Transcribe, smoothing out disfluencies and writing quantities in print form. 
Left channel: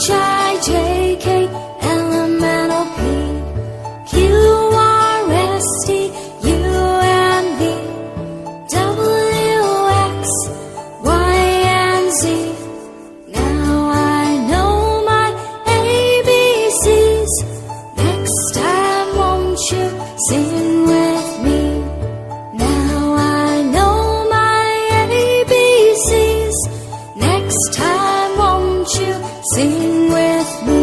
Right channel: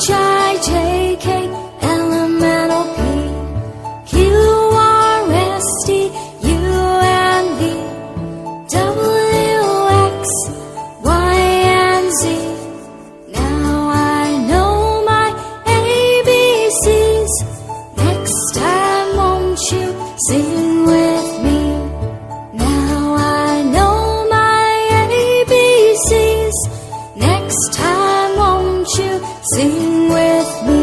H-I-J-K, L-M-N-O-P, Q-R-S-T, U-N-V, W-X, Y-and-Z. Now I know my ABCs. Next time won't you sing with me? Now I know my ABCs. Next time won't you sing with me?